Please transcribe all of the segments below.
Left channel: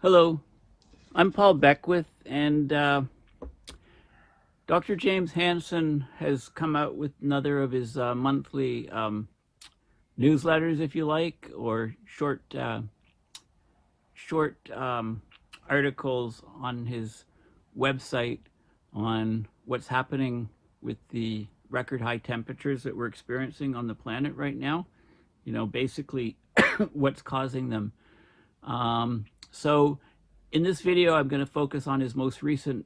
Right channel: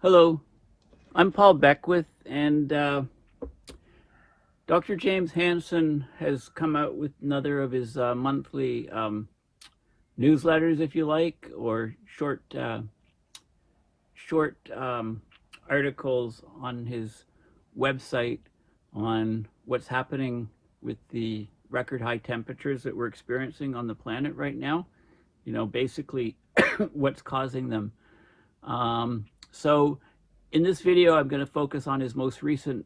Hello, I'm Paul Beckwith, and Dr. James Hansen has come out with another of his monthly newsletters, if you like, or short articles on his website on what's happening with the record high temperatures that we're experiencing on the planet right now. You know, basically what's causing them. So in this video, I'm going to focus on his most recent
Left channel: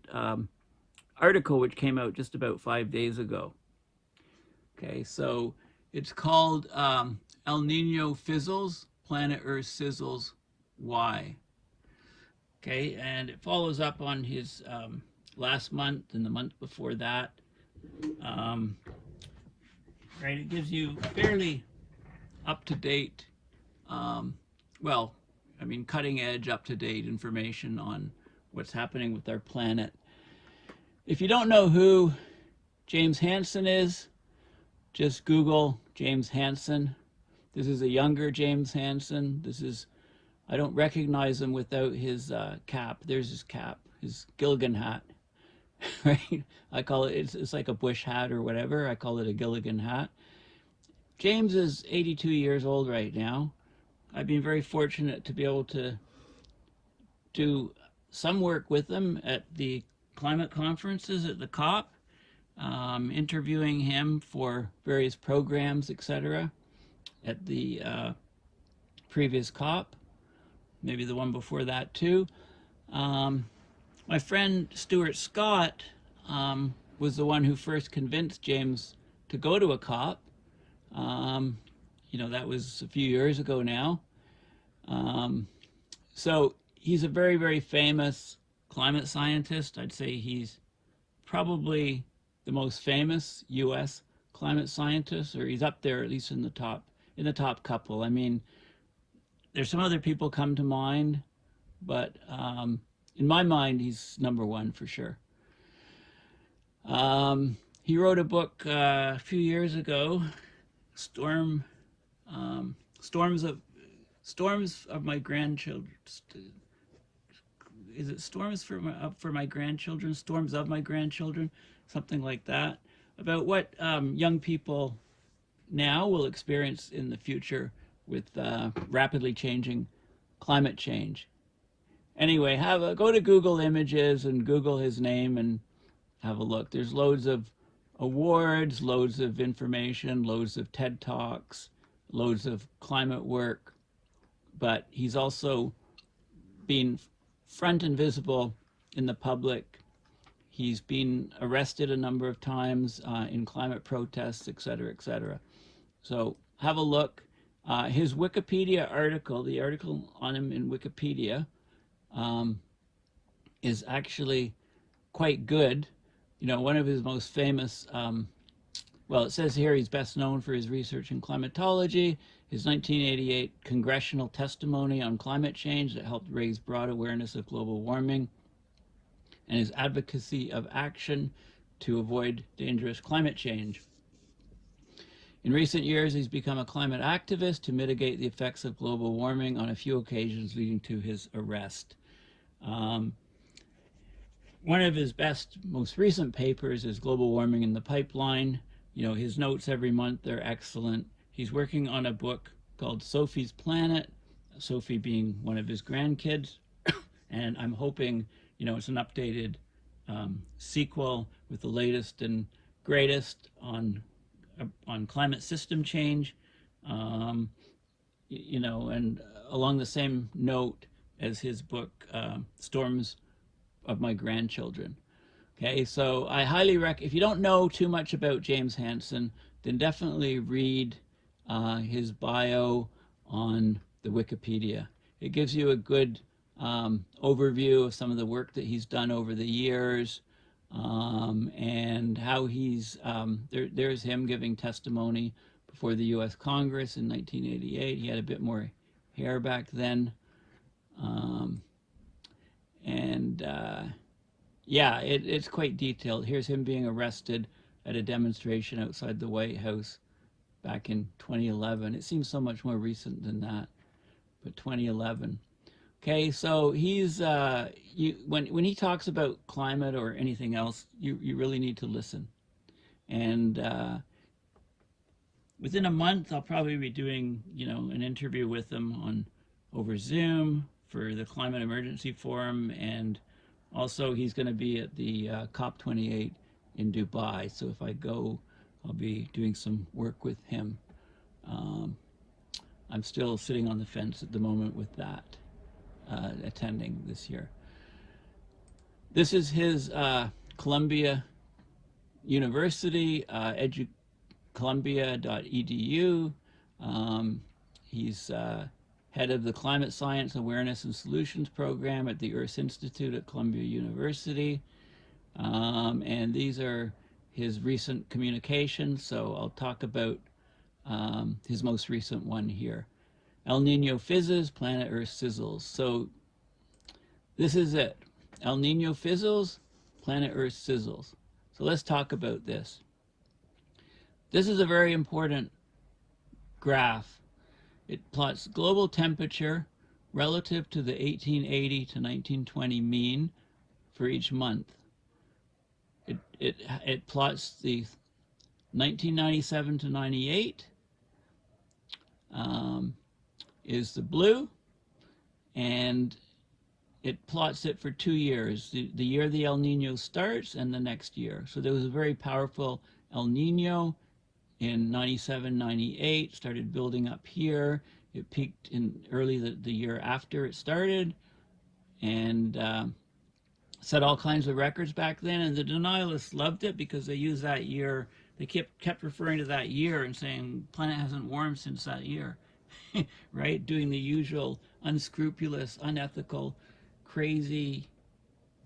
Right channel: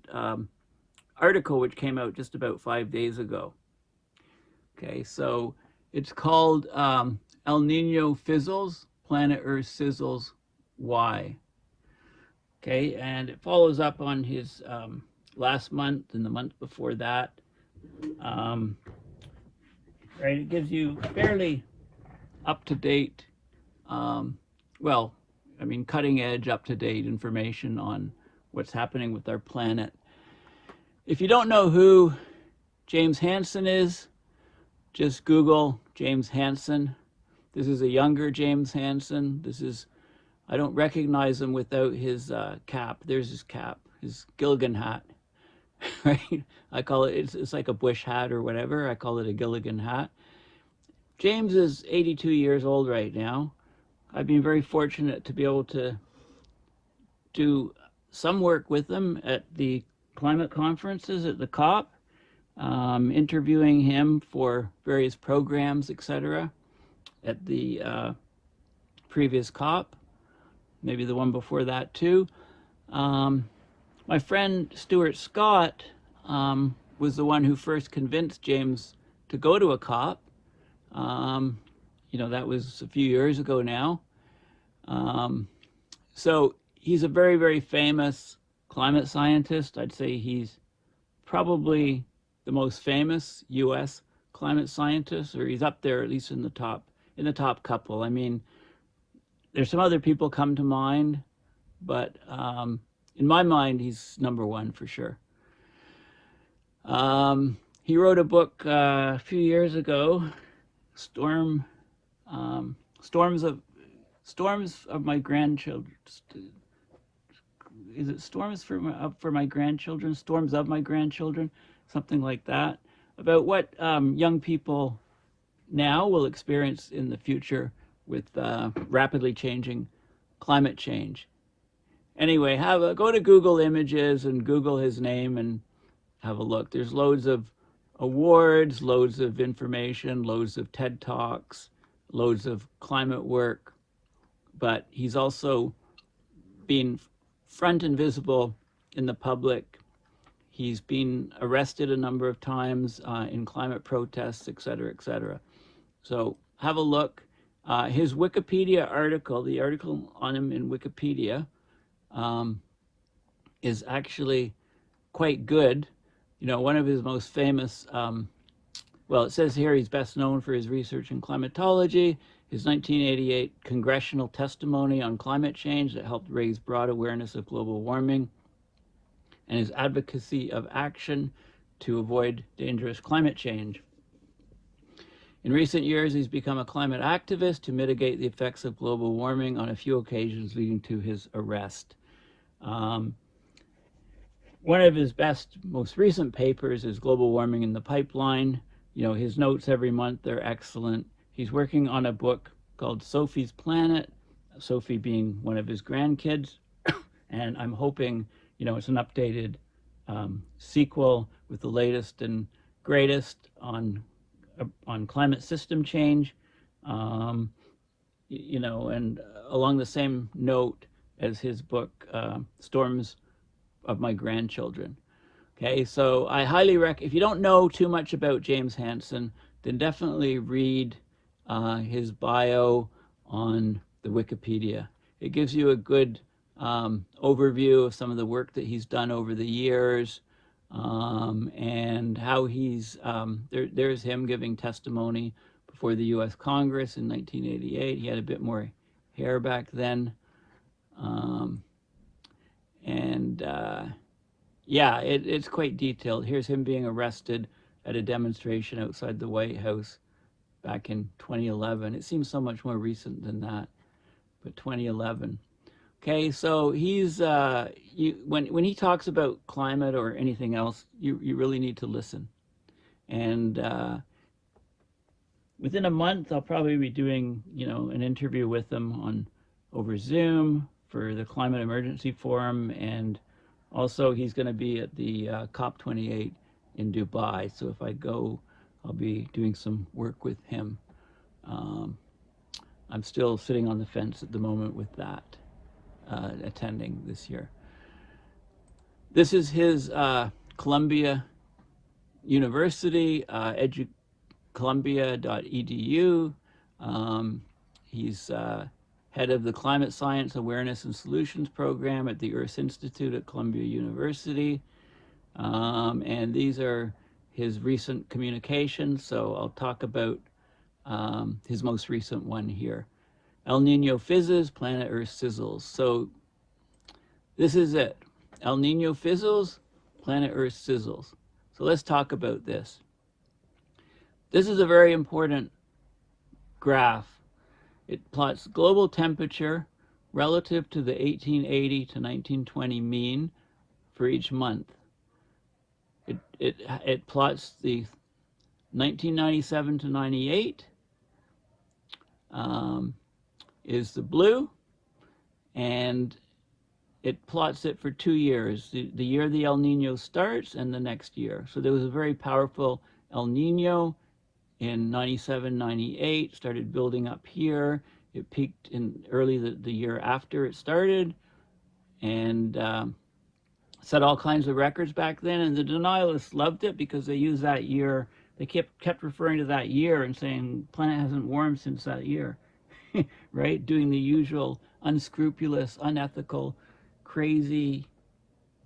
article, which came out just about 5 days ago. Okay, so it's called El Nino Fizzles, Planet Earth Sizzles, Why? Okay, and it follows up on his last month and the month before that. Um, right, it gives you fairly up-to-date, well, I mean, cutting-edge, up-to-date information on what's happening with our planet. If you don't know who James Hansen is, just Google James Hansen. This is a younger James Hansen. I don't recognize him without his cap. There's his cap, his Gilligan hat. Right? I call it, it's like a bush hat or whatever. I call it a Gilligan hat. James is 82 years old right now. I've been very fortunate to be able to do some work with him at the climate conferences at the COP. Interviewing him for various programs, etc., at the previous COP, maybe the one before that too. My friend Stuart Scott was the one who first convinced James to go to a COP. You know, that was a few years ago now. So he's a very, very famous climate scientist. I'd say he's probably the most famous U.S. climate scientist, or he's up there at least in the top couple. I mean, there's some other people come to mind, but in my mind, he's number one for sure. He wrote a book a few years ago, Storms of My Grandchildren. Is it Storms for my grandchildren? Storms of My Grandchildren, something like that, about what young people now will experience in the future with rapidly changing climate change. Anyway, go to Google Images and Google his name and have a look. There's loads of awards, loads of information, loads of TED Talks, loads of climate work, but he's also been front and visible in the public. He's been arrested a number of times in climate protests, etc., etc. So have a look. His Wikipedia article, the article on him in Wikipedia, is actually quite good. You know, one of his most famous, well, it says here he's best known for his research in climatology, his 1988 congressional testimony on climate change that helped raise broad awareness of global warming, and his advocacy of action to avoid dangerous climate change. In recent years, he's become a climate activist to mitigate the effects of global warming on a few occasions leading to his arrest. One of his most recent papers is Global Warming in the Pipeline. You know, his notes every month, they're excellent. He's working on a book called Sophie's Planet, Sophie being one of his grandkids. And I'm hoping, you know, it's an updated sequel with the latest and greatest on climate system change. You know, and along the same note as his book, Storms of My Grandchildren. Okay, so I highly recommend, if you don't know too much about James Hansen, then definitely read his bio on the Wikipedia. It gives you a good overview of some of the work that he's done over the years, and how he's, there's him giving testimony before the U.S. Congress in 1988. He had a bit more hair back then. Yeah, it's quite detailed. Here's him being arrested at a demonstration outside the White House back in 2011. It seems so much more recent than that, but 2011. Okay, so he's when he talks about climate or anything else, you really need to listen. And within a month, I'll probably be doing an interview with him on over Zoom for the Climate Emergency Forum, and also he's going to be at the COP28 in Dubai. So if I go, I'll be doing some work with him. I'm still sitting on the fence at the moment with that, attending this year. This is his Columbia University, columbia.edu. He's head of the Climate Science Awareness and Solutions Program at the Earth Institute at Columbia University. And these are his recent communications, so I'll talk about his most recent one here. El Nino fizzes, planet Earth sizzles. So this is it. El Nino fizzles, planet Earth sizzles. So let's talk about this. This is a very important graph. It plots global temperature relative to the 1880 to 1920 mean for each month. It plots the 1997 to 98 is the blue, and it plots it for 2 years, the year the El Nino starts and the next year. So there was a very powerful El Nino in 97, 98, started building up here. It peaked in early the year after it started, and set all kinds of records back then. And the denialists loved it because they used that year. They kept referring to that year and saying planet hasn't warmed since that year, right? Doing the usual unscrupulous, unethical, crazy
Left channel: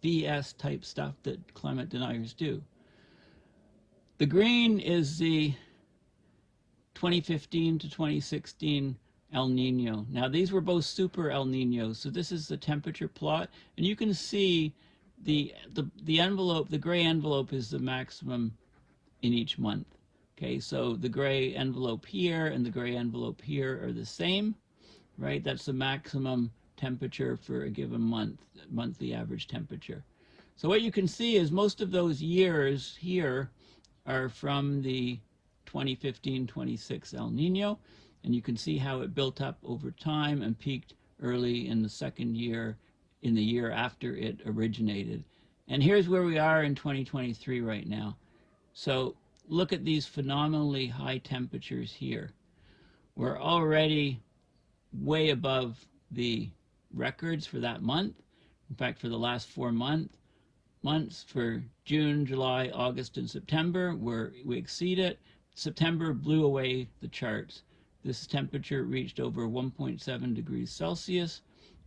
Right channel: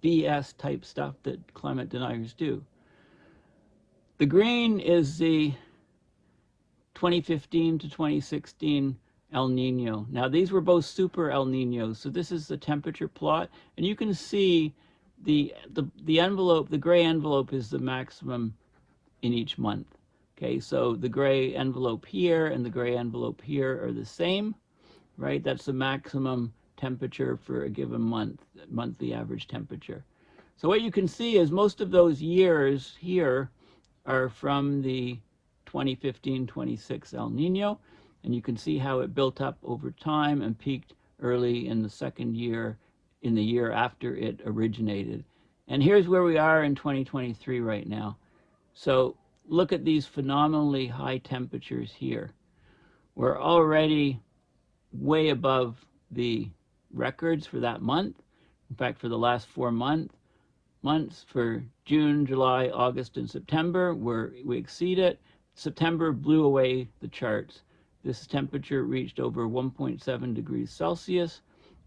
BS type stuff that climate deniers do. The green is the 2015 to 2016 El Nino. Now these were both super El Ninos, so this is the temperature plot, and you can see the envelope, the gray envelope is the maximum in each month. Okay, so the gray envelope here and the gray envelope here are the same, right? That's the maximum temperature for a given month, monthly average temperature. So what you can see is most of those years here are from the 2015-26 El Nino, and you can see how it built up over time and peaked early in the second year, in the year after it originated. And here's where we are in 2023 right now. So look at these phenomenally high temperatures here. We're already way above the records for that month. In fact, for the last 4 months for June, July, August, and September, we exceed it. September blew away the charts. This temperature reached over 1.7 degrees Celsius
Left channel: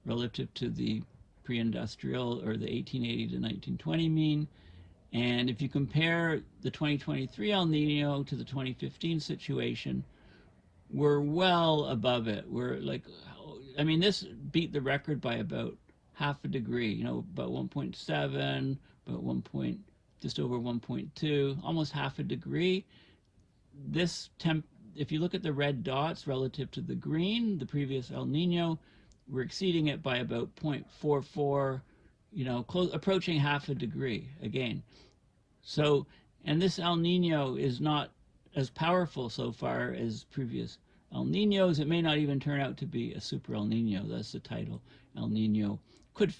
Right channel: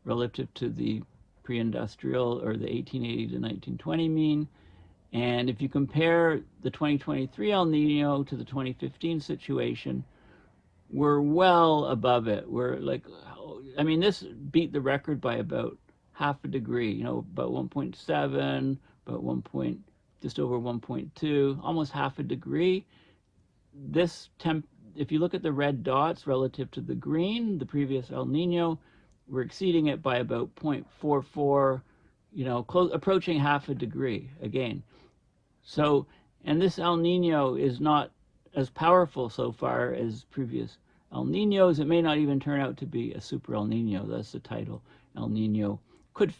relative to the pre-industrial or the 1880 to 1920 mean. And if you compare the 2023 El Nino to the 2015 situation, we're well above it. We're like, I mean, this beat the record by about half a degree, about 1.7, about just over 1.2, almost half a degree. This if you look at the red dots relative to the green, the previous El Nino, we're exceeding it by about 0.44, approaching half a degree again. So, and this El Nino is not as powerful so far as previous El Ninos. It may not even turn out to be a super El Nino. That's the title. El Nino could,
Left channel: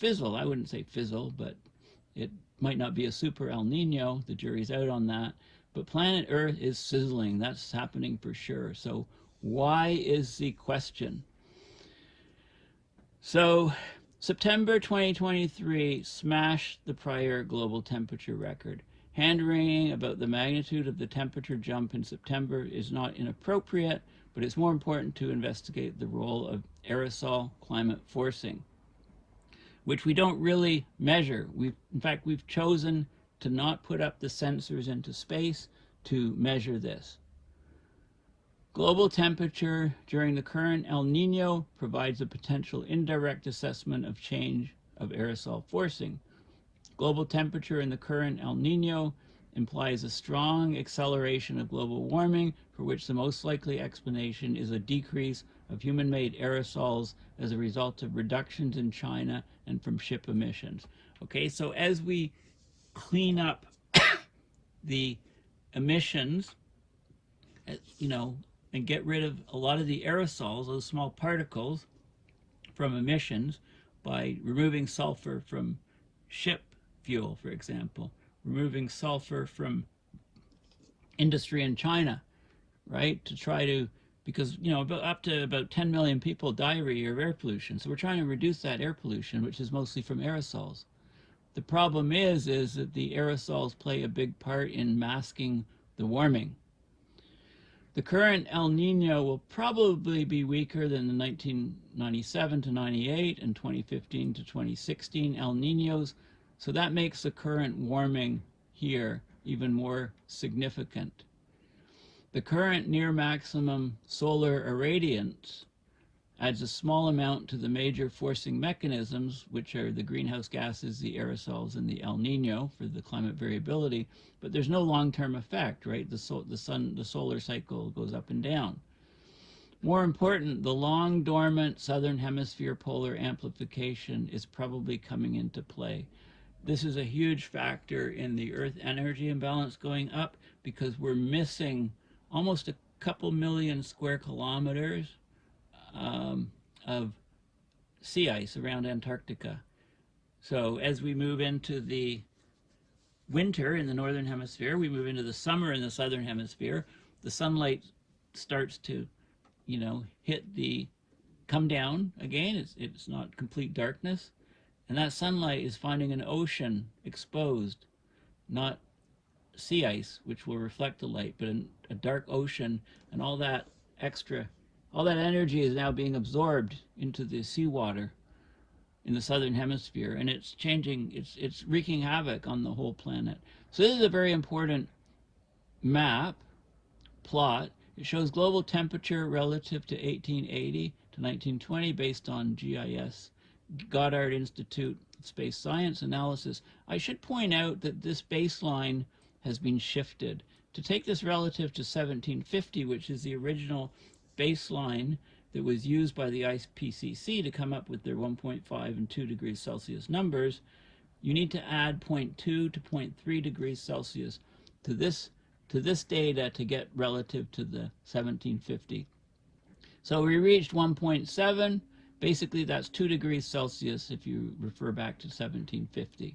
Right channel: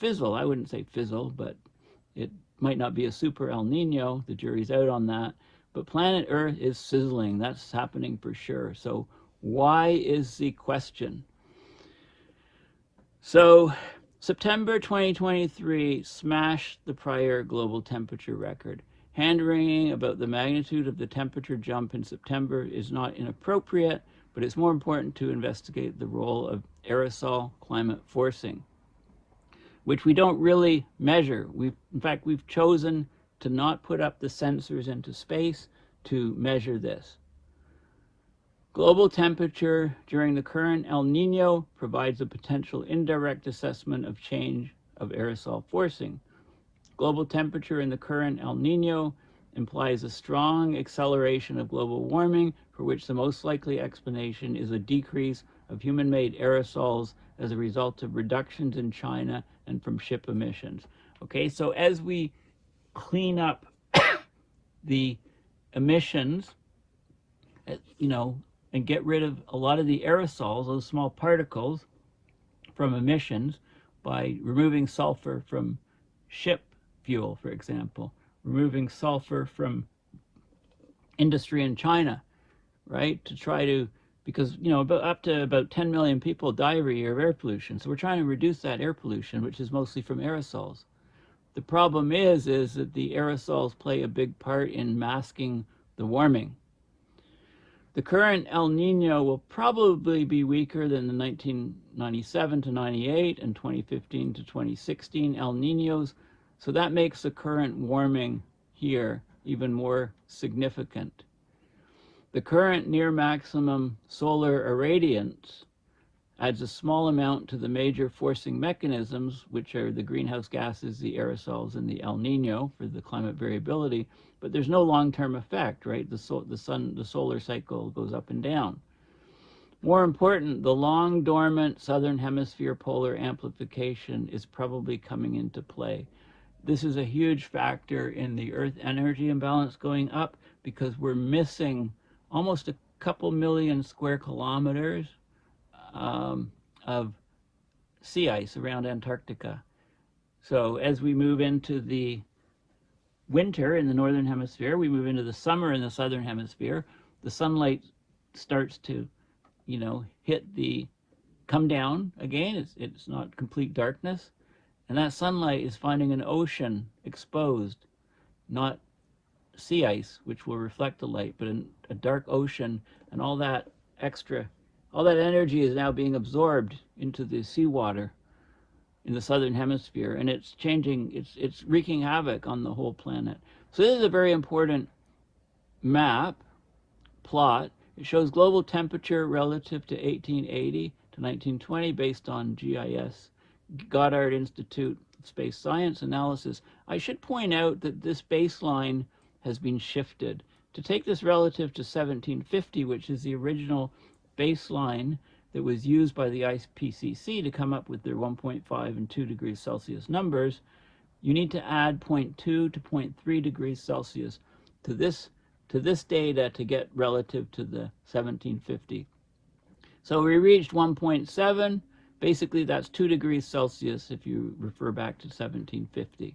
fizzle. I wouldn't say fizzle, but it might not be a super El Nino. The jury's out on that. But planet Earth is sizzling. That's happening for sure. So why is the question? So September 2023 smashed the prior global temperature record. Hand-wringing about the magnitude of the temperature jump in September is not inappropriate, but it's more important to investigate the role of aerosol climate forcing, which we don't really measure. In fact, we've chosen to not put up the sensors into space to measure this. Global temperature during the current El Nino provides a potential indirect assessment of change of aerosol forcing. Global temperature in the current El Nino implies a strong acceleration of global warming, for which the most likely explanation is a decrease of human-made aerosols as a result of reductions in China and from ship emissions. Okay, so as we clean up the emissions, and get rid of a lot of the aerosols, those small particles from emissions, by removing sulfur from ship fuel, for example, removing sulfur from industry in China, right? To try to, because, up to about 10 million people die every year of air pollution. So we're trying to reduce that air pollution, which is mostly from aerosols. The problem is that the aerosols play a big part in masking the warming. The current El Nino will probably be weaker than the 1997 to 98 and 2015 to 2016 El Ninos, so that makes the current warming here even more significant. The current near maximum solar irradiance adds a small amount to the major forcing mechanisms, which are the greenhouse gases, the aerosols, and the El Nino for the climate variability, but there's no long-term effect, right? The solar cycle goes up and down. More important, the long dormant southern hemisphere polar amplification is probably coming into play. This is a huge factor in the Earth energy imbalance going up, because we're missing almost a couple million square kilometers of sea ice around Antarctica. So as we move into the winter in the northern hemisphere, we move into the summer in the southern hemisphere, the sunlight starts to, come down again. It's not complete darkness. And that sunlight is finding an ocean exposed, not sea ice, which will reflect the light, but a dark ocean, and all that energy is now being absorbed into the seawater in the southern hemisphere, and it's changing, it's wreaking havoc on the whole planet. So this is a very important plot. It shows global temperature relative to 1880 to 1920 based on GIS, Goddard Institute of Space Science analysis. I should point out that this baseline has been shifted. To take this relative to 1750, which is the original baseline that was used by the IPCC to come up with their 1.5 and 2 degrees Celsius numbers, you need to add 0.2 to 0.3 degrees Celsius to this data to get relative to the 1750. So we reached 1.7. Basically, that's 2 degrees Celsius if you refer back to 1750.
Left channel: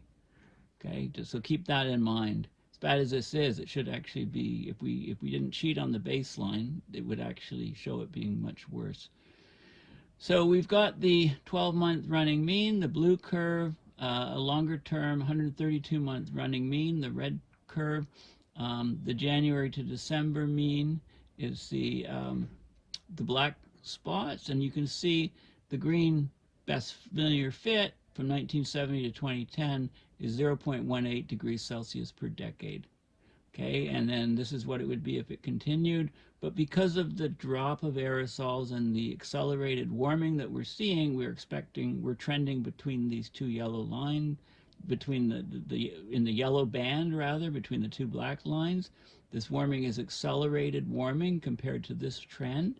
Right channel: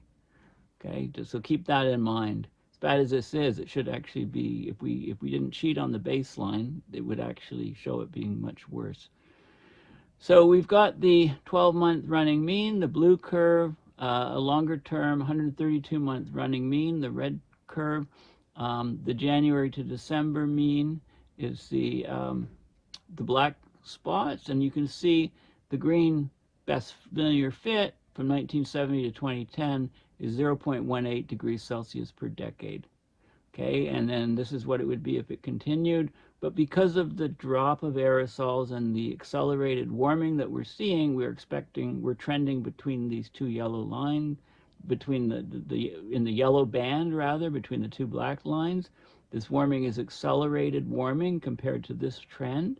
Okay, so keep that in mind. As bad as this is, it should actually be, if we didn't cheat on the baseline, it would actually show it being much worse. So we've got the 12-month running mean, the blue curve, a longer term 132-month running mean, the red curve. The January to December mean is the black spots, and you can see the green best linear fit from 1970 to 2010 is 0.18 degrees Celsius per decade. Okay, and then this is what it would be if it continued. But because of the drop of aerosols and the accelerated warming that we're seeing, we're trending between these two yellow lines, between in the yellow band rather, between the two black lines. This warming is accelerated warming compared to this trend,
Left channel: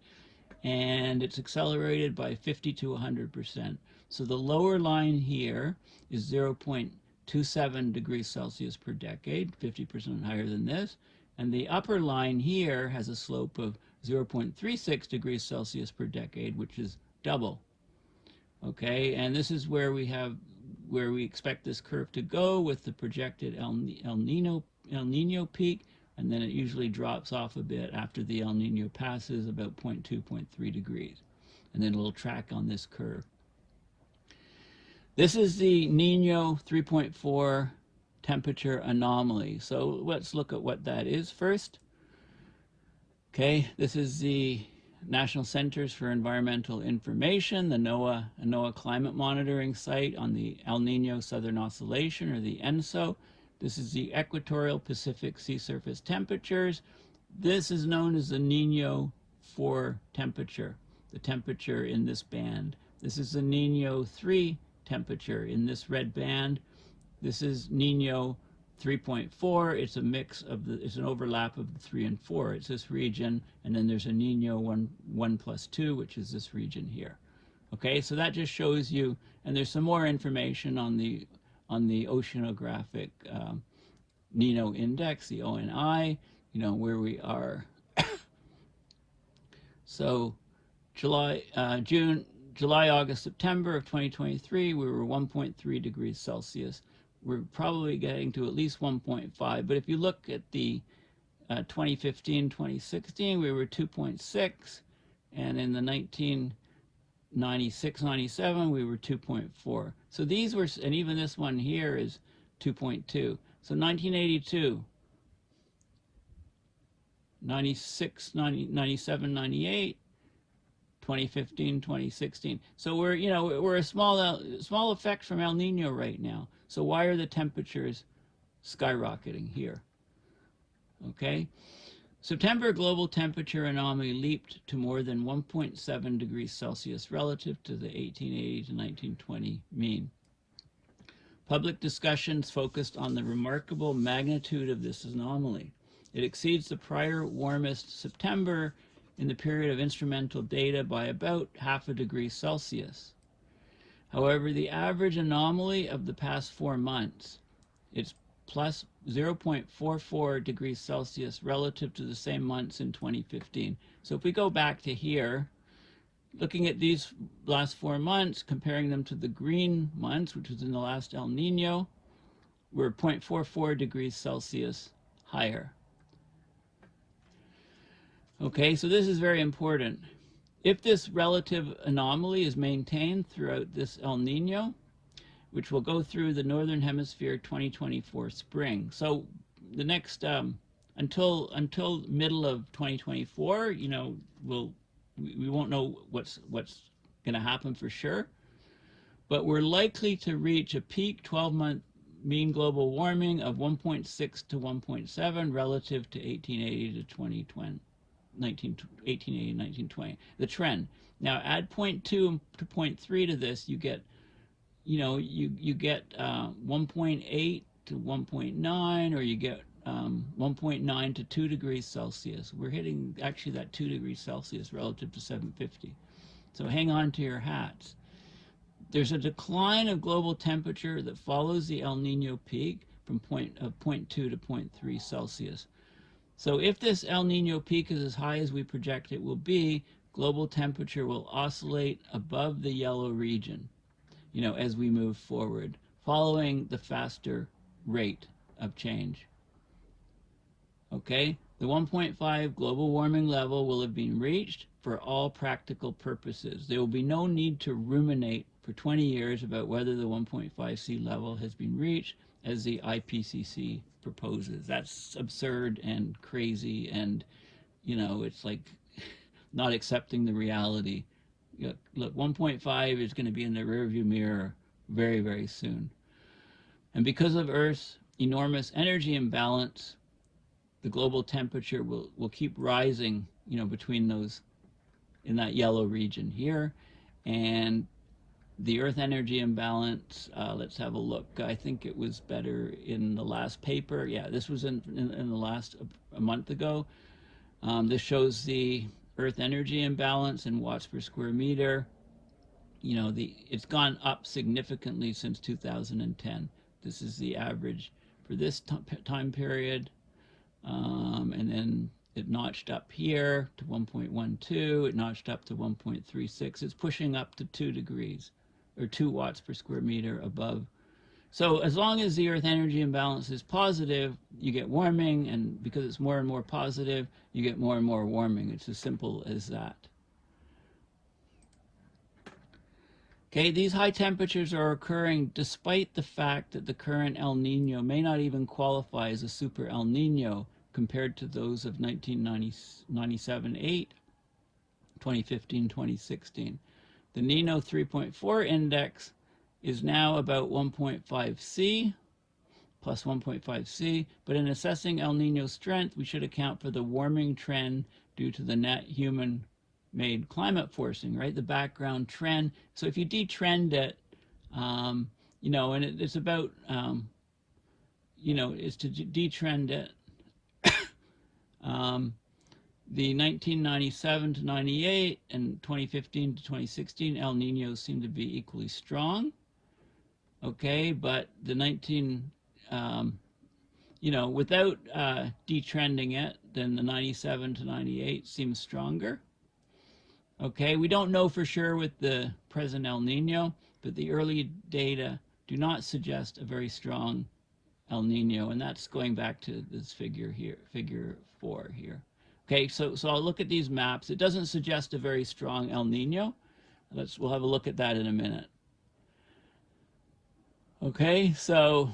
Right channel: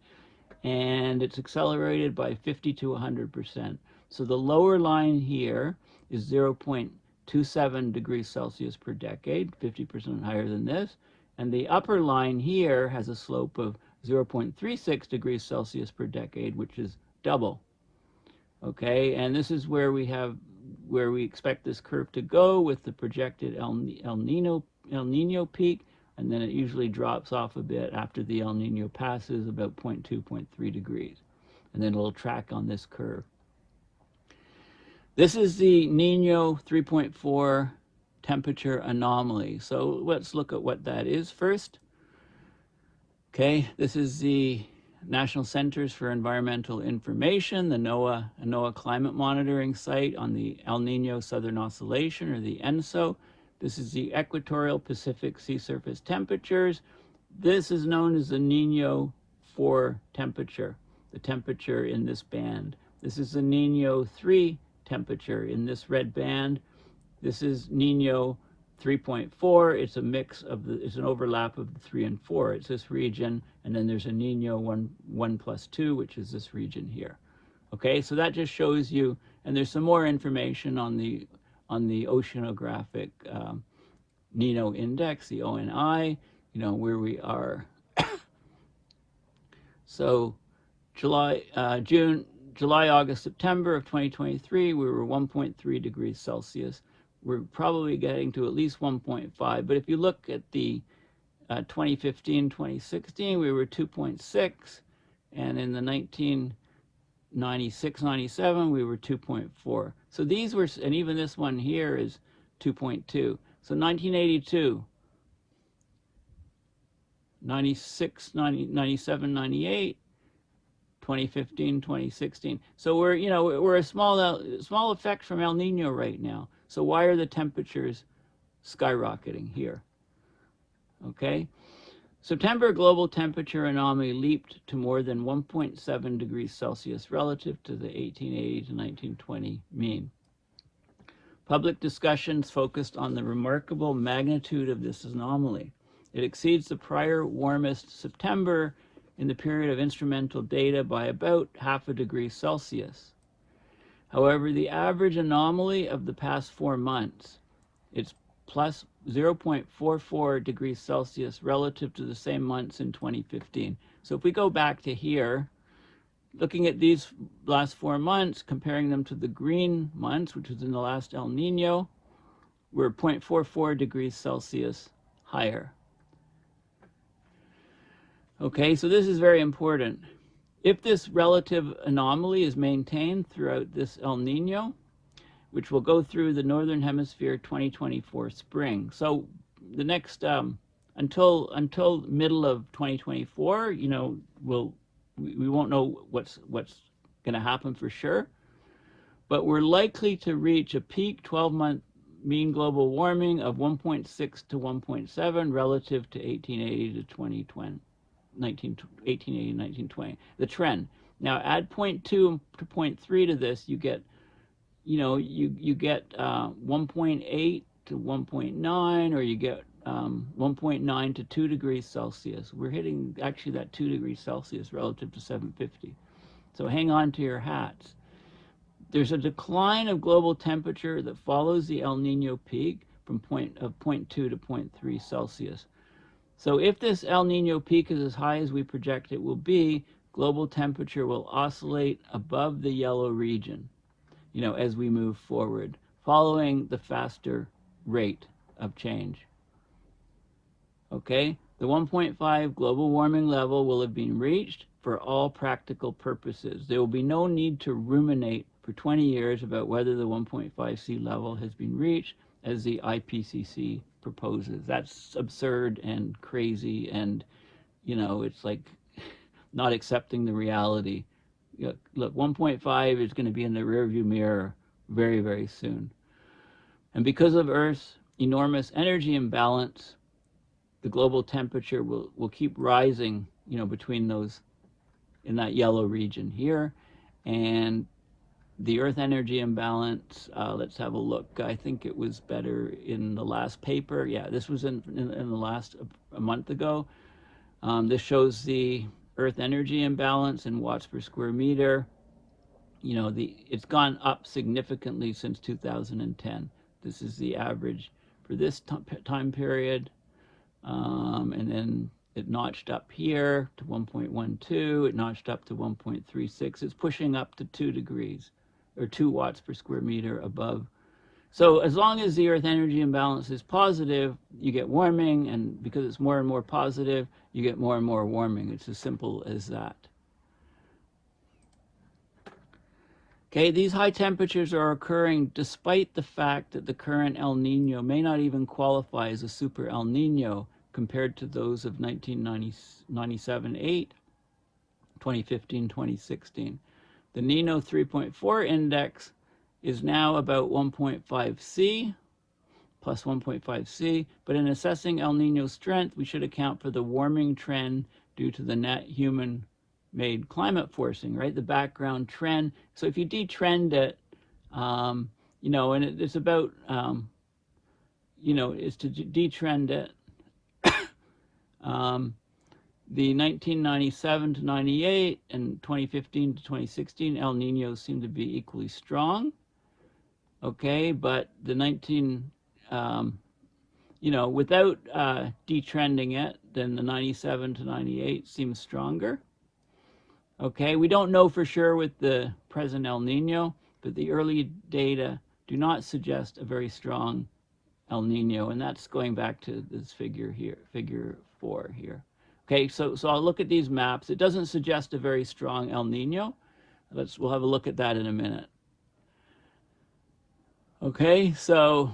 and it's accelerated by 50 to 100%. So the lower line here is 0.27 degrees Celsius per decade, 50% higher than this. And the upper line here has a slope of 0.36 degrees Celsius per decade, which is double. Okay, and this is where we expect this curve to go with the projected El Nino peak, and then it usually drops off a bit after the El Nino passes, about 0.2, 0.3 degrees. And then it'll track on this curve. This is the Niño 3.4 temperature anomaly. So let's look at what that is first. Okay, this is the National Centers for Environmental Information, the NOAA climate monitoring site on the El Nino Southern Oscillation, or the ENSO. This is the equatorial Pacific sea surface temperatures. This is known as the Niño 4 temperature, the temperature in this band. This is the Niño 3 temperature in this red band. This is Niño 3.4, it's a mix of it's an overlap of the 3 and 4. It's this region, and then there's a Niño 1 plus 2, which is this region here. Okay, so that just shows you, and there's some more information on the oceanographic Niño index, the ONI, where we are. So July, August, September of 2023, we were 1.3 degrees Celsius. We're probably getting to at least 1.5, but if you look at the 2015, 2016, we were 2.6, and in the 1996, 97, we were 2.4. So these were, and even this one here is 2.2. So 1982, 96, 90, 97, 98, 2015, 2016. So we're a small effect from El Nino right now. So why are the temperatures skyrocketing here? Okay. September global temperature anomaly leaped to more than 1.7 degrees Celsius relative to the 1880 to 1920 mean. Public discussions focused on the remarkable magnitude of this anomaly. It exceeds the prior warmest September in the period of instrumental data by about half a degree Celsius. However, the average anomaly of the past 4 months, it's plus 0.44 degrees Celsius relative to the same months in 2015. So if we go back to here, looking at these last 4 months, comparing them to the green months, which is in the last El Nino, we're 0.44 degrees Celsius higher. Okay, so this is very important. If this relative anomaly is maintained throughout this El Nino, which will go through the Northern Hemisphere 2024 spring. So the next, until middle of 2024, we won't know what's going to happen for sure. But we're likely to reach a peak 12-month mean global warming of 1.6 to 1.7 relative to 1880 to 2020. 1880, 1920, the trend. Now add 0.2 to 0.3 to this, you get, you get 1.8 to 1.9, or you get 1.9 to 2 degrees Celsius. We're hitting actually that 2 degrees Celsius relative to 750. So hang on to your hats. There's a decline of global temperature that follows the El Nino peak from 0.2 to 0.3 Celsius. So if this El Nino peak is as high as we project it will be, global temperature will oscillate above the yellow region, as we move forward, following the faster rate of change. Okay, the 1.5 global warming level will have been reached for all practical purposes. There will be no need to ruminate for 20 years about whether the 1.5 sea level has been reached, as the IPCC proposes. That's absurd and crazy, and it's like not accepting the reality. Look, 1.5 is going to be in the rearview mirror very, very soon. And because of Earth's enormous energy imbalance, the global temperature will keep rising, between those, in that yellow region here. And the Earth energy imbalance, let's have a look. I think it was better in the last paper. Yeah, this was in the last, a month ago. This shows the Earth energy imbalance in watts per square meter. It's gone up significantly since 2010. This is the average for this time period. And then it notched up here to 1.12. It notched up to 1.36. It's pushing up to 2 degrees. Or 2 watts per square meter above. So as long as the Earth energy imbalance is positive, you get warming, and because it's more and more positive, you get more and more warming. It's as simple as that. Okay, these high temperatures are occurring despite the fact that the current El Nino may not even qualify as a super El Nino compared to those of 1997-8, 2015, 2016. The Niño 3.4 index is now about 1.5 C, plus 1.5 C, but in assessing El Nino's strength, we should account for the warming trend due to the net human-made climate forcing, right? The background trend. So if you detrend it, and it's about, is to detrend it. The 1997 to 98 and 2015 to 2016 El Niños seem to be equally strong. Okay, but the without detrending it, then the 97 to 98 seems stronger. Okay, we don't know for sure with the present El Nino, but the early data do not suggest a very strong El Nino, and that's going back to this figure here, figure 4 here. Okay, so I'll look at these maps. It doesn't suggest a very strong El Nino. We'll have a look at that in a minute. Okay, so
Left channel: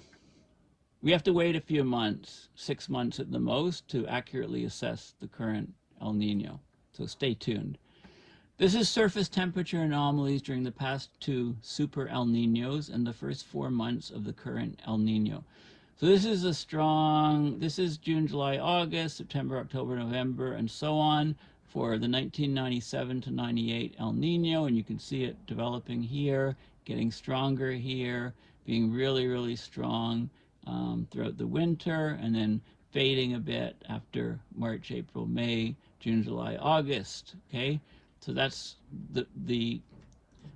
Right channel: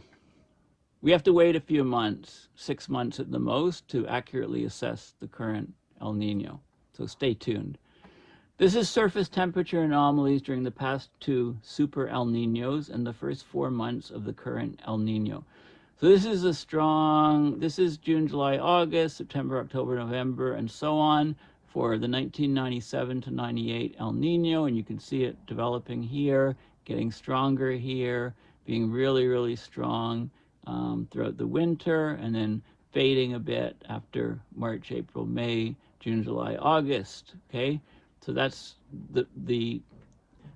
we have to wait a few months, 6 months at the most, to accurately assess the current El Nino. So stay tuned. This is surface temperature anomalies during the past 2 super El Ninos and the first 4 months of the current El Nino. So this is June, July, August, September, October, November, and so on for the 1997 to 98 El Nino, and you can see it developing here, getting stronger here, being really, really strong throughout the winter, and then fading a bit after March, April, May, June, July, August. Okay, so that's the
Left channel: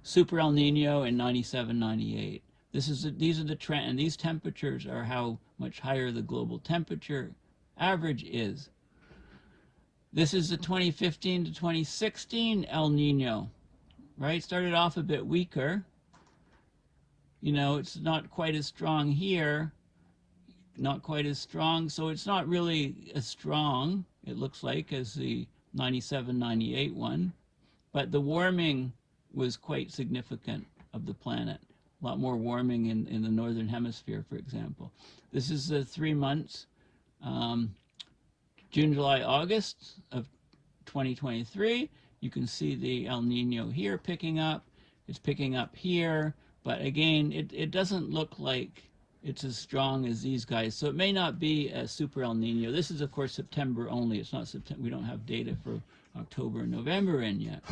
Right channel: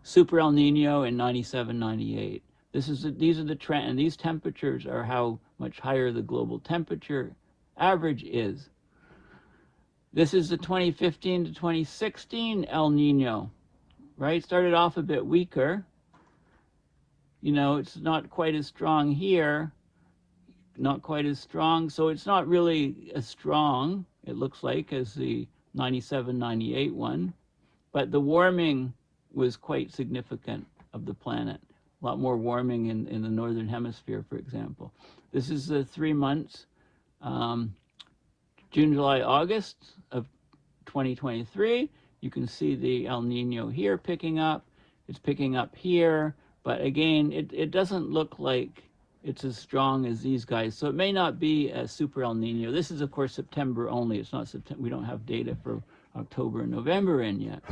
super El Nino in 97, 98. These are the trend, and these temperatures are how much higher the global temperature average is. This is the 2015 to 2016 El Nino, right? Started off a bit weaker. It's not quite as strong here, not quite as strong, so it's not really as strong, it looks like, as the 97, 98 one, but the warming was quite significant of the planet. A lot more warming in the northern hemisphere, for example. This is the 3 months, June, July, August of 2023. You can see the El Nino here picking up. It's picking up here, but again, it doesn't look like it's as strong as these guys. So it may not be a super El Nino. This is, of course, September only. It's not September. We don't have data for October and November in yet.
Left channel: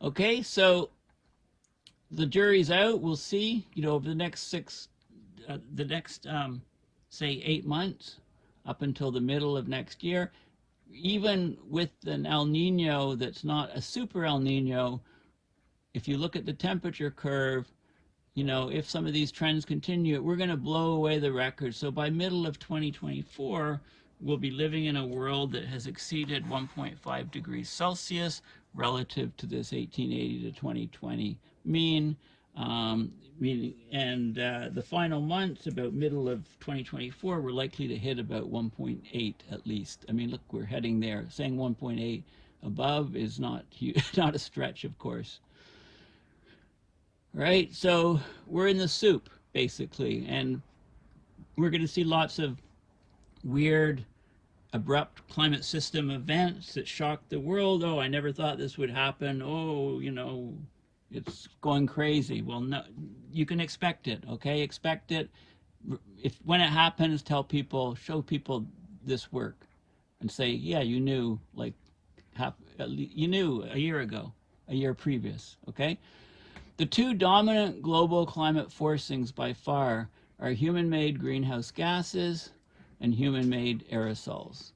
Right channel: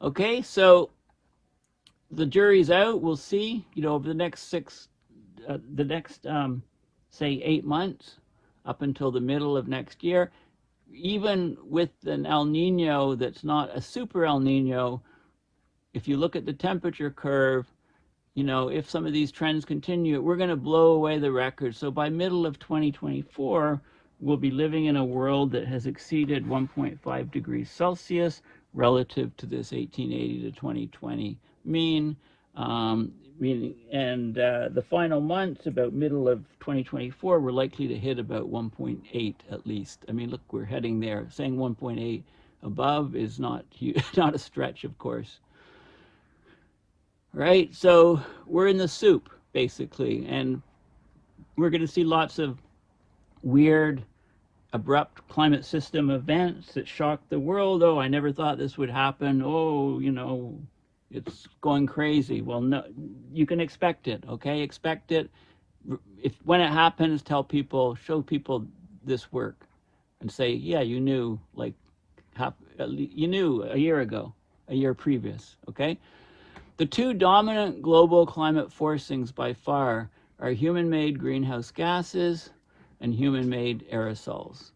Okay, so the jury's out. We'll see, over the next say 8 months up until the middle of next year. Even with an El Nino that's not a super El Nino, if you look at the temperature curve, if some of these trends continue, we're going to blow away the record. So by middle of 2024, we'll be living in a world that has exceeded 1.5 degrees Celsius relative to this 1880 to 2020 mean. The final months, about middle of 2024, we're likely to hit about 1.8 at least. I mean, look, we're heading there. Saying 1.8 above is not a stretch, of course. Right? So we're in the soup, basically, and we're going to see lots of weird, abrupt climate system events that shock the world. Oh, I never thought this would happen. Oh, it's going crazy. Well, no, you can expect it, okay? Expect it. When it happens, show people this work and say, yeah, you knew, you knew a year ago, a year previous, okay? The 2 dominant global climate forcings by far are human-made greenhouse gases and human-made aerosols.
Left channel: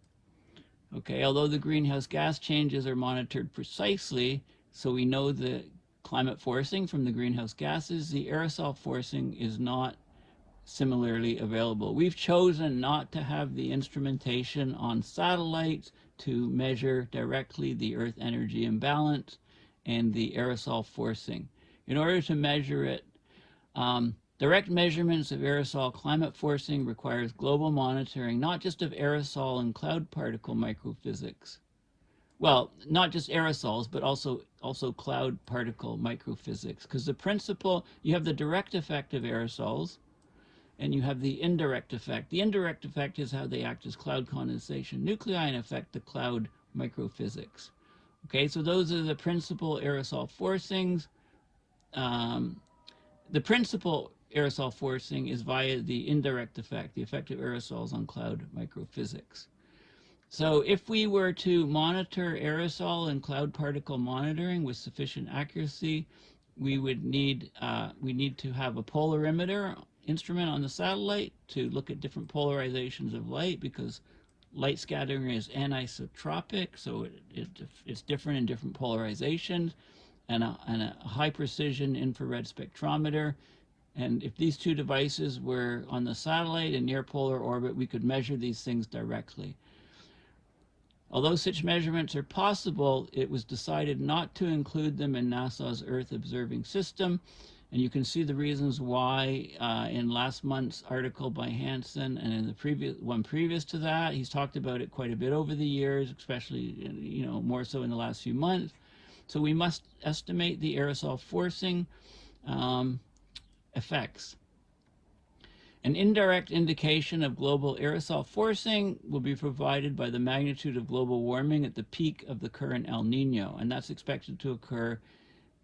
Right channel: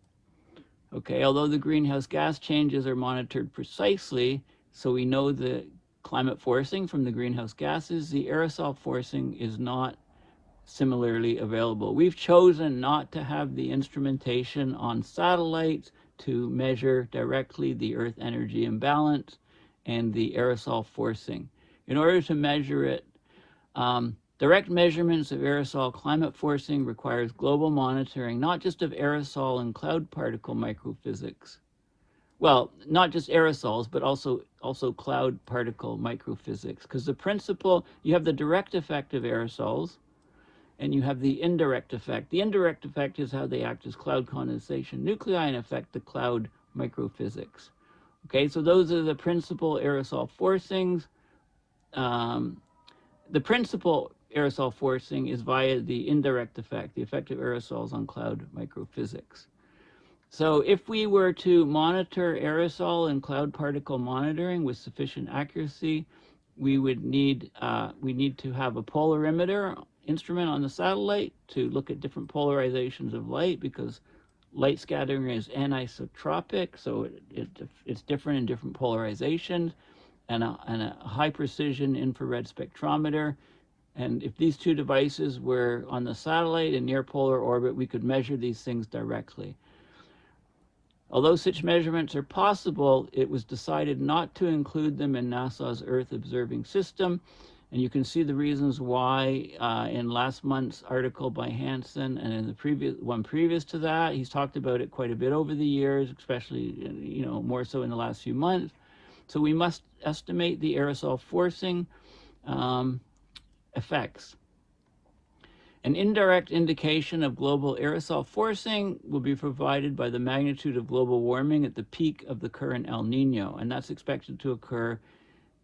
Okay, although the greenhouse gas changes are monitored precisely, so we know the climate forcing from the greenhouse gases, the aerosol forcing is not similarly available. We've chosen not to have the instrumentation on satellites to measure directly the Earth energy imbalance and the aerosol forcing. In order to measure it, direct measurements of aerosol climate forcing requires global monitoring, not just of aerosol and cloud particle microphysics. Well, not just aerosols, but also cloud particle microphysics, because the principle, you have the direct effect of aerosols, and you have the indirect effect. The indirect effect is how they act as cloud condensation nuclei and affect the cloud microphysics. Okay, so those are the principal aerosol forcings. The principal aerosol forcing is via the indirect effect, the effect of aerosols on cloud microphysics. So if we were to monitor aerosol and cloud particle monitoring with sufficient accuracy, we need to have a polarimeter instrument on the satellite to look at different polarizations of light, because light scattering is anisotropic, so it's different in different polarizations, and a high precision infrared spectrometer. And if these two devices were on the satellite in near polar orbit, we could measure these things directly. Although such measurements are possible, it was decided not to include them in NASA's Earth Observing System. And you can see the reasons why in last month's article by Hansen, and in the previous to that. He's talked about it quite a bit over the years, especially, more so in the last few months. So we must estimate the aerosol forcing effects. An indirect indication of global aerosol forcing will be provided by the magnitude of global warming at the peak of the current El Nino, and that's expected to occur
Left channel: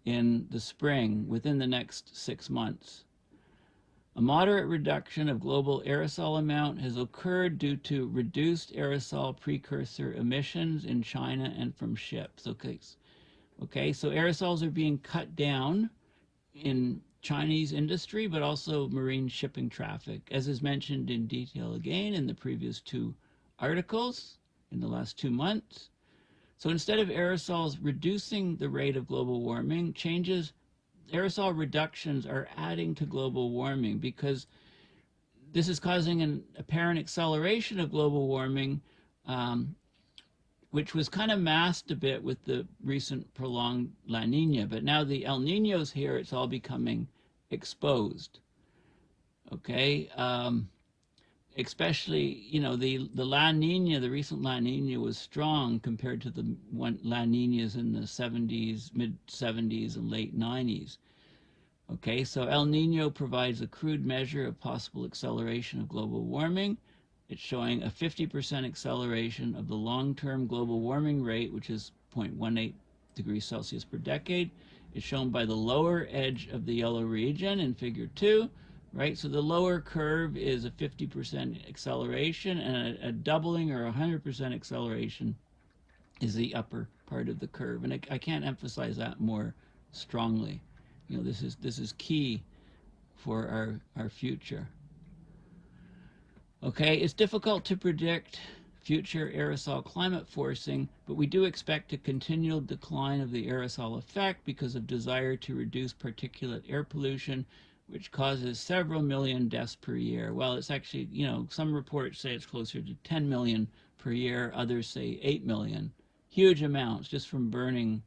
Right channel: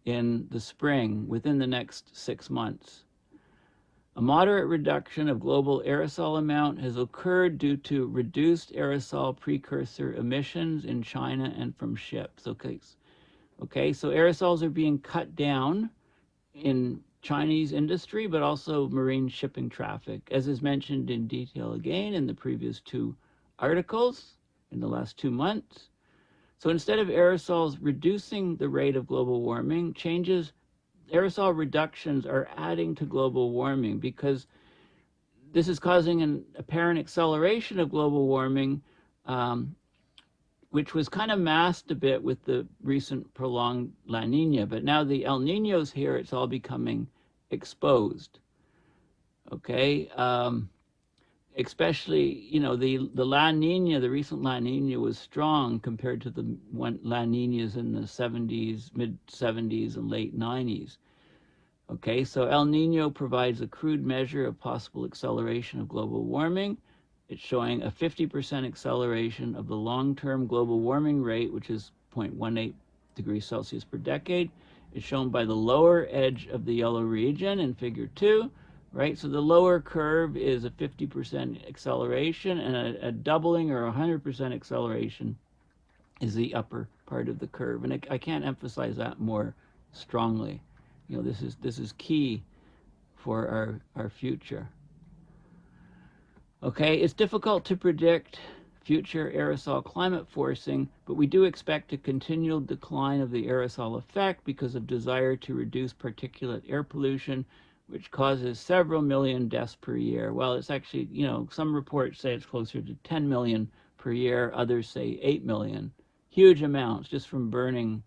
in the spring, within the next 6 months. A moderate reduction of global aerosol amount has occurred due to reduced aerosol precursor emissions in China and from ships. Okay, so aerosols are being cut down in Chinese industry, but also marine shipping traffic, as is mentioned in detail again in the previous 2 articles in the last 2 months. So instead of aerosols reducing the rate of global warming, aerosol reductions are adding to global warming, because this is causing an apparent acceleration of global warming, which was kind of masked a bit with the recent prolonged La Nina. But now the El Nino's here, it's all becoming exposed. Okay, especially, the La Nina, the recent La Nina was strong compared to the La Ninas in the 70s, mid-70s, and late 90s. Okay, so El Nino provides a crude measure of possible acceleration of global warming. It's showing a 50% acceleration of the long-term global warming rate, which is 0.18 degrees Celsius per decade. It's shown by the lower edge of the yellow region in figure 2, right? So the lower curve is a 50% acceleration, and a doubling or 100% acceleration is the upper part of the curve. And I can't emphasize that more strongly. This is key for our future. Okay, it's difficult to predict future aerosol climate forcing, but we do expect a continual decline of the aerosol effect because of desire to reduce particulate air pollution, which causes several million deaths per year. Well, it's actually, some reports say it's closer to 10 million per year, others say 8 million. Huge amounts just from burning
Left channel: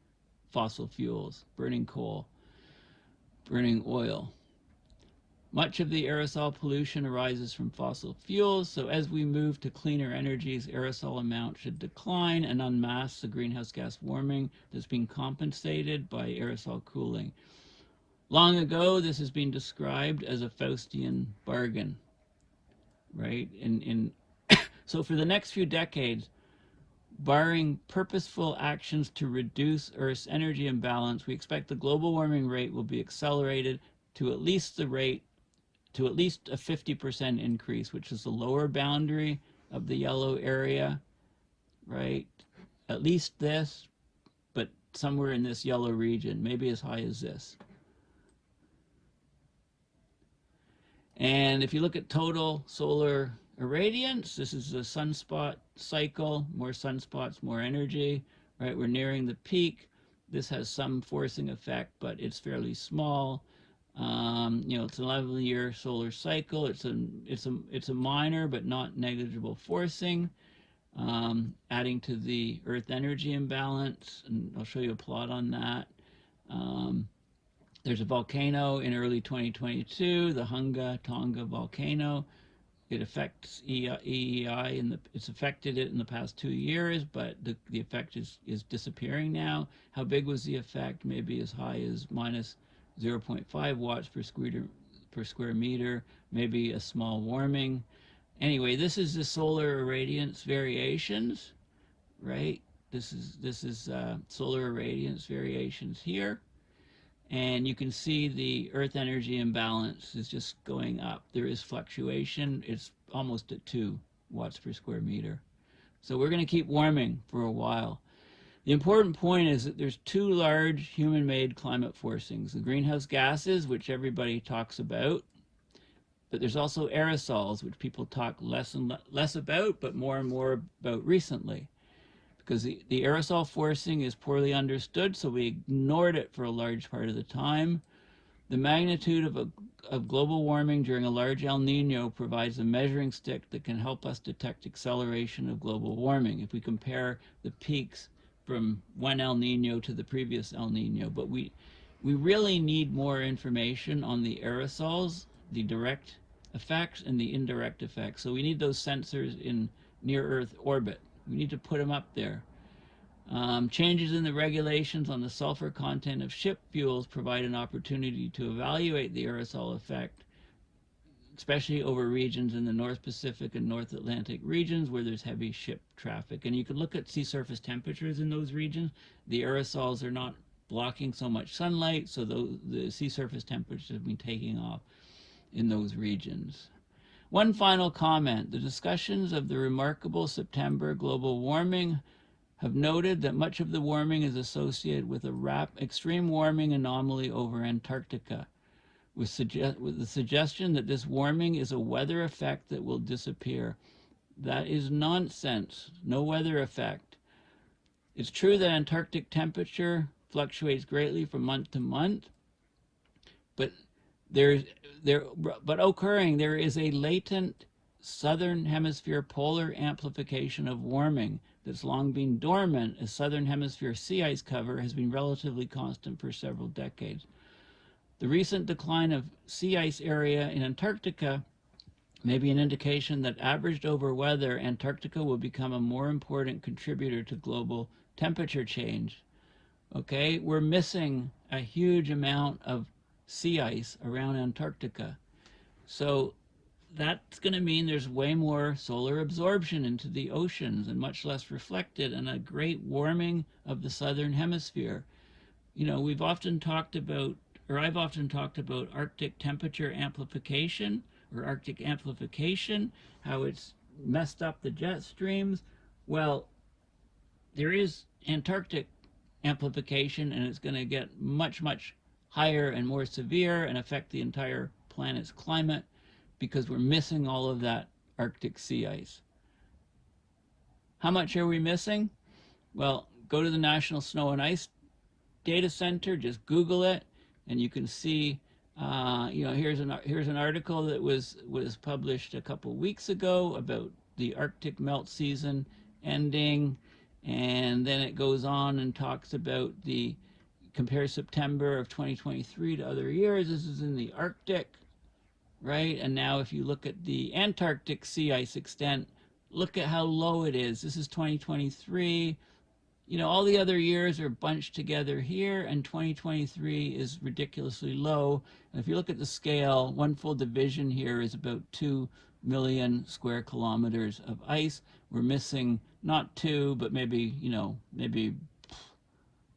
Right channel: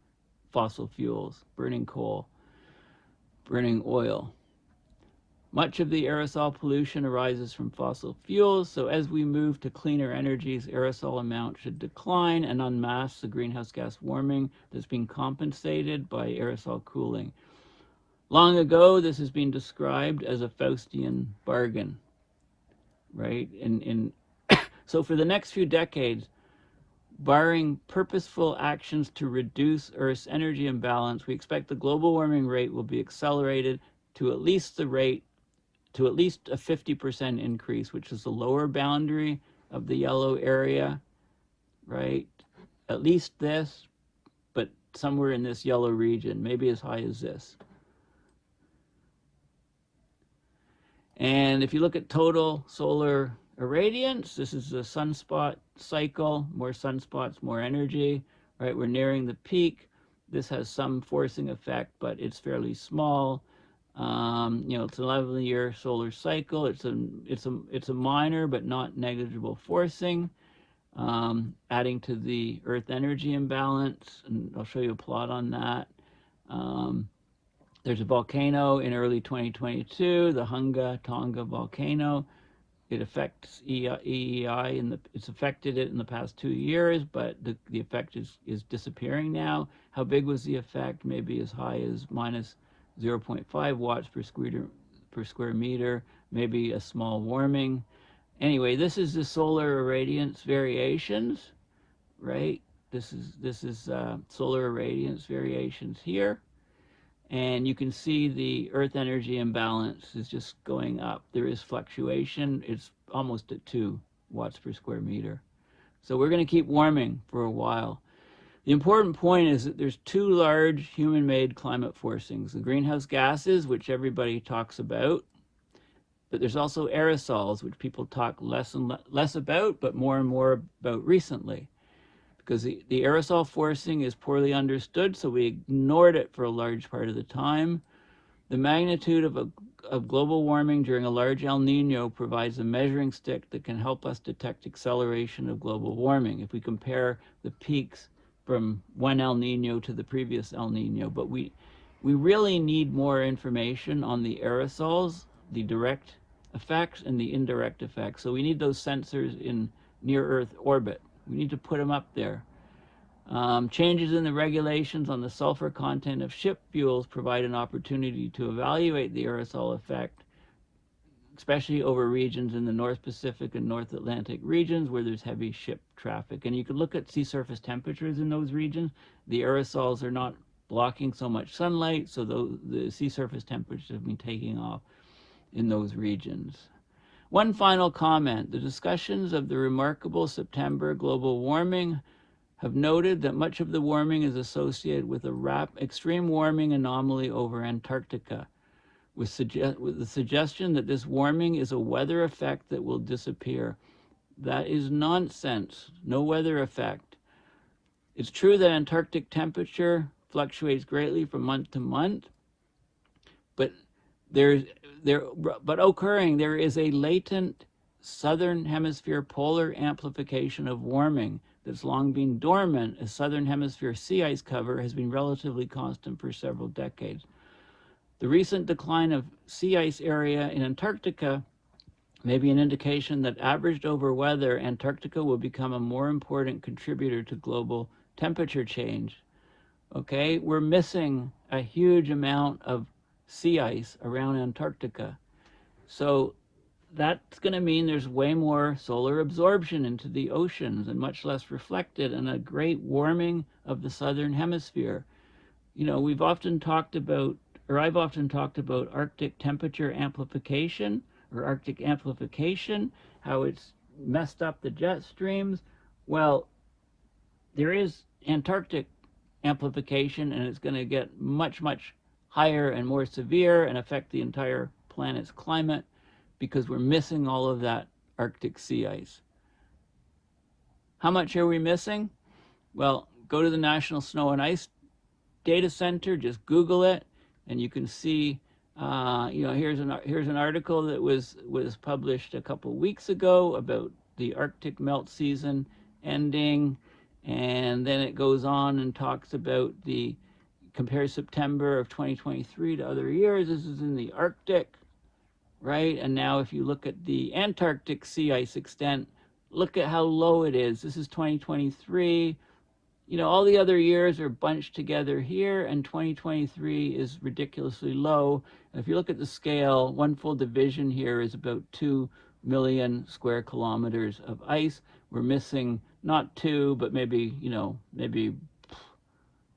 fossil fuels, burning coal, burning oil. Much of the aerosol pollution arises from fossil fuels, so as we move to cleaner energies, aerosol amount should decline and unmask the greenhouse gas warming that's being compensated by aerosol cooling. Long ago, this has been described as a Faustian bargain, right? So for the next few decades, barring purposeful actions to reduce Earth's energy imbalance, we expect the global warming rate will be accelerated to at least a 50% increase, which is the lower boundary of the yellow area, right? At least this, but somewhere in this yellow region, maybe as high as this. And if you look at total solar irradiance, this is a sunspot cycle. More sunspots, more energy, right? We're nearing the peak. This has some forcing effect, but it's fairly small. It's an 11-year solar cycle. It's a minor but not negligible forcing, adding to the Earth energy imbalance, and I'll show you a plot on that. There's a volcano in early 2022, the Hunga Tonga volcano. It affects EEI, it's affected it in the past 2 years, but the effect is disappearing now. How big was the effect? Maybe as high as minus 0.5 watts per square meter, maybe a small warming. Anyway, this is the solar irradiance variations, right? This is solar irradiance variations here. And you can see the Earth energy imbalance is just going up. There is fluctuation. It's almost at 2 watts per square meter. So we're going to keep warming for a while. The important point is that there's 2 large human-made climate forcings. The greenhouse gases, which everybody talks about, But there's also aerosols, which people talk less and less about, but more and more about recently. Because the aerosol forcing is poorly understood, so we ignored it for a large part of the time. The magnitude of global warming during a large El Nino provides a measuring stick that can help us detect acceleration of global warming if we compare the peaks from one El Nino to the previous El Nino. But we really need more information on the aerosols, the direct effects and the indirect effects. So we need those sensors in near Earth orbit. We need to put them up there. Changes in the regulations on the sulfur content of ship fuels provide an opportunity to evaluate the aerosol effect, especially over regions in the North Pacific and North Atlantic regions where there's heavy ship traffic. And you can look at sea surface temperatures in those regions. The aerosols are not blocking so much sunlight, so the sea surface temperatures have been taking off in those regions. One final comment. The discussions of the remarkable September global warming have noted that much of the warming is associated with a extreme warming anomaly over Antarctica, with the suggestion that this warming is a weather effect that will disappear. That is nonsense. No weather effect. It's true that Antarctic temperature fluctuates greatly from month to month, but there is a latent southern hemisphere polar amplification of warming that's long been dormant, as southern hemisphere sea ice cover has been relatively constant for several decades. The recent decline of sea ice area in Antarctica may be an indication that averaged over weather, Antarctica will become a more important contributor to global temperature change. Okay, we're missing a huge amount of sea ice around Antarctica. So that's going to mean there's way more solar absorption into the oceans and much less reflected, and a great warming of the southern hemisphere. You know, we've often talked about, or I've often talked about Arctic temperature amplification or Arctic amplification, how it's messed up the jet streams. Well, there is Antarctic amplification, and it's going to get much, much higher and more severe and affect the entire planet's climate because we're missing all of that Arctic sea ice. How much are we missing? Well, go to the National Snow and Ice Data Center, just Google it, and you can see, here's an article that was published a couple weeks ago about the Arctic melt season ending, and then it goes on and talks about compare September of 2023 to other years. This is in the Arctic, right? And now if you look at the Antarctic sea ice extent, look at how low it is. This is 2023. You know, all the other years are bunched together here, and 2023 is ridiculously low. And if you look at the scale, one full division here is about 2 million square kilometers of ice. We're missing not 2, but maybe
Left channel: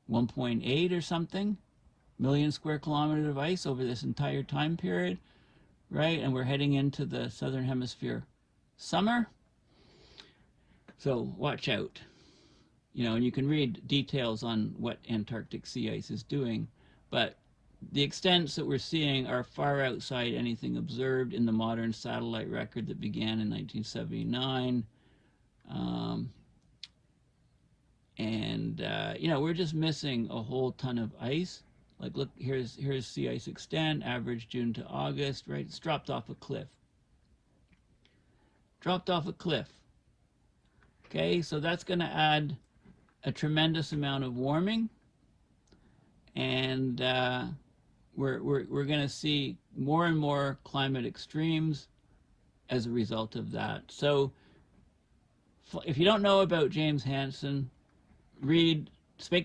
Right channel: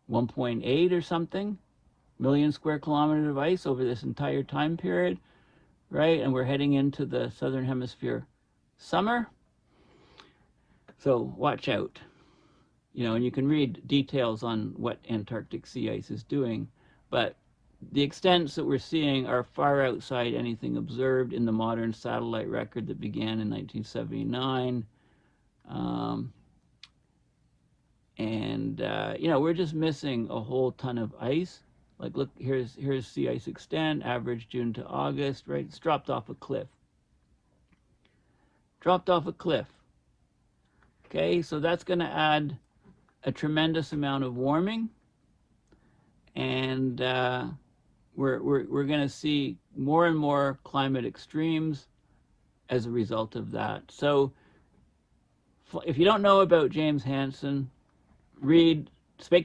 1.8 or something million square kilometers of ice over this entire time period, right? And we're heading into the southern hemisphere summer. So watch out. And you can read details on what Antarctic sea ice is doing, but the extents that we're seeing are far outside anything observed in the modern satellite record that began in 1979. We're just missing a whole ton of ice. Like, look, here's sea ice extent, average June to August, right? It's dropped off a cliff. Dropped off a cliff. Okay, so that's going to add a tremendous amount of warming, and we're going to see more and more climate extremes as a result of that. So if you don't know about James Hansen,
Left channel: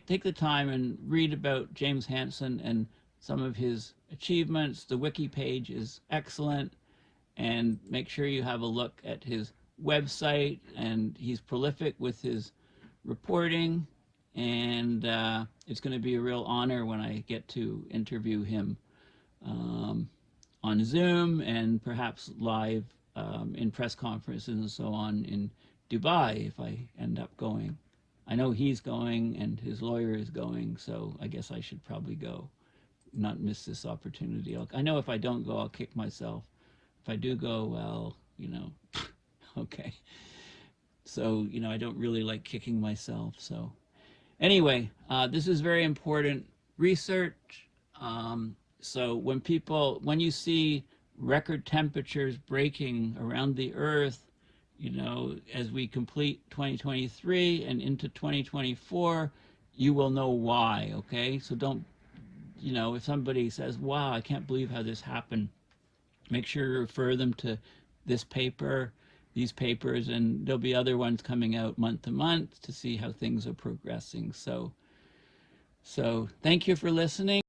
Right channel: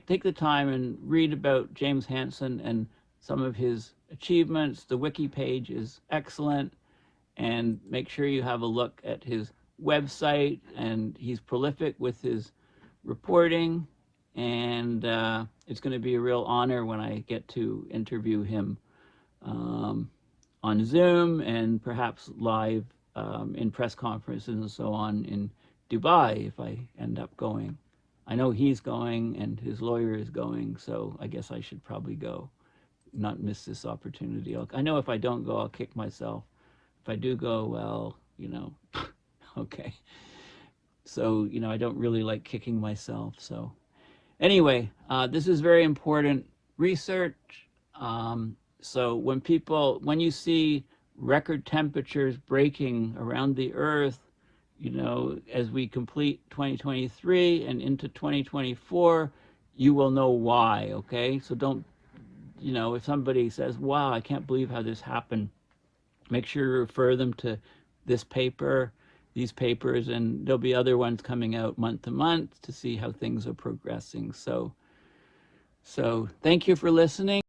take the time and read about James Hansen and some of his achievements. The wiki page is excellent, and make sure you have a look at his website, and he's prolific with his reporting, and it's going to be a real honor when I get to interview him on Zoom and perhaps live in press conferences and so on in Dubai if I end up going. I know he's going and his lawyer is going, so I guess I should probably go, not miss this opportunity. I know if I don't go, I'll kick myself. if I do go, well, you know, okay. So, you know, I don't really like kicking myself. So anyway, this is very important research. So when you see record temperatures breaking around the earth, you know, as we complete 2023 and into 2024, you will know why, okay? So don't, you know, if somebody says, wow, I can't believe how this happened, make sure to refer them to this paper, these papers, and there'll be other ones coming out month to month to see how things are progressing. So thank you for listening.